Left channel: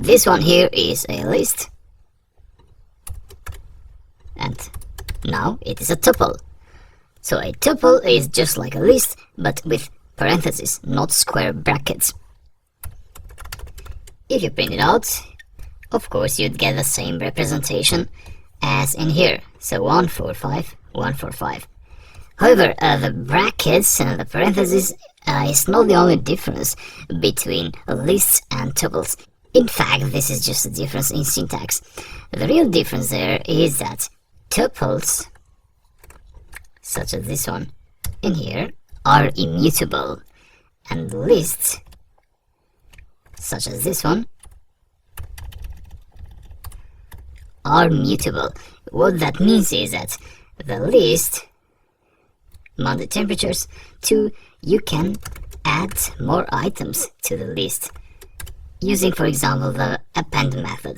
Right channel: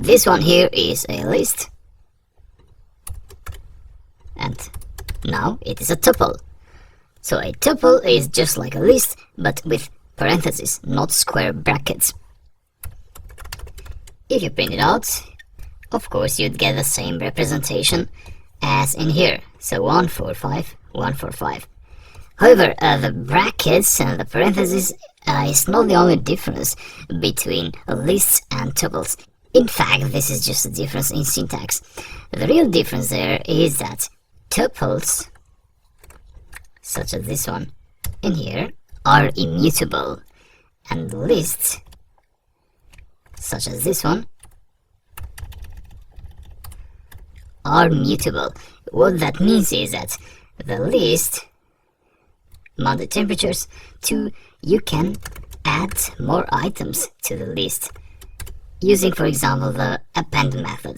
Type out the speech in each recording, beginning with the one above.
This one here is a list, and now it is a tuple. So a tuple is just like a list, but with parentheses, not square brackets. If you print it out, of course you'd get the same representation as in here. So 1, 4, 5, 1, 4, 5. However, the brackets and the parentheses is not the only difference between lists and tuples. In fact, this is just a difference in syntax. The real difference there is that tuples, such as this one in here, are immutable, and lists, such as this one, are mutable. What that means is that the list, among the temperatures, 2, you can add more items to the list using, for example, the append method.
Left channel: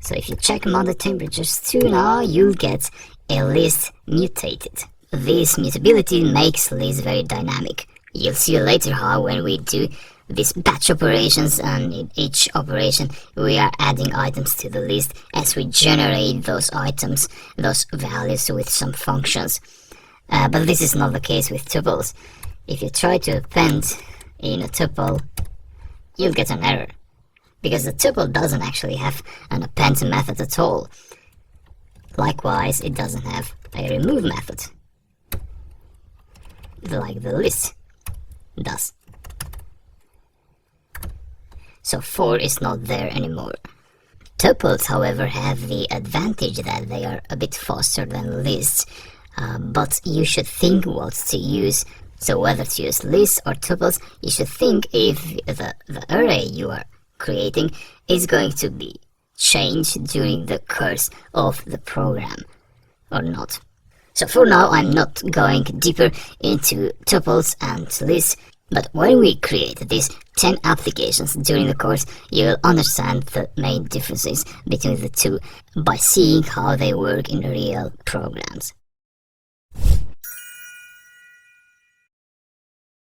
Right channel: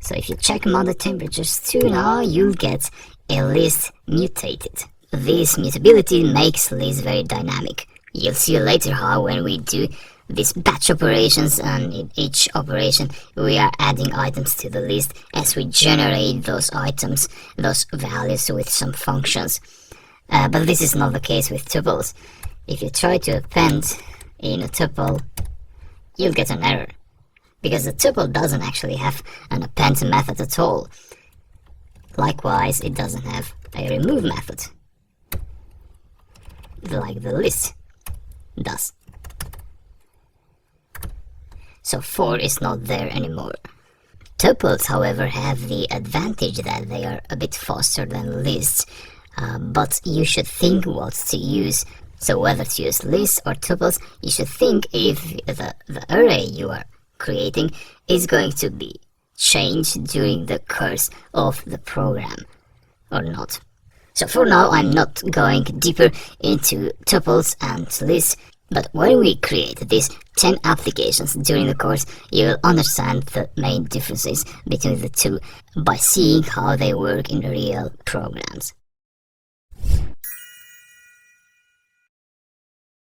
So if you check among the temperatures 2 now, you'll get a list mutated. This mutability makes lists very dynamic. You'll see later how when we do these batch operations, and in each operation we are adding items to the list as we generate those items, those values with some functions. But this is not the case with tuples. If you try to append in a tuple, you'll get an error, because the tuple doesn't actually have an append method at all. Likewise, it doesn't have a remove method, like the list does. So 4 is not there anymore. Tuples, however, have the advantage that they are a bit faster than lists, but you should think what to use. So whether to use lists or tuples, you should think if the array you are creating is going to be changed during the course of the program or not. So for now, I'm not going deeper into tuples and lists, but when we create these 10 applications during the course, you will understand the main differences between the two by seeing how they work in real programs.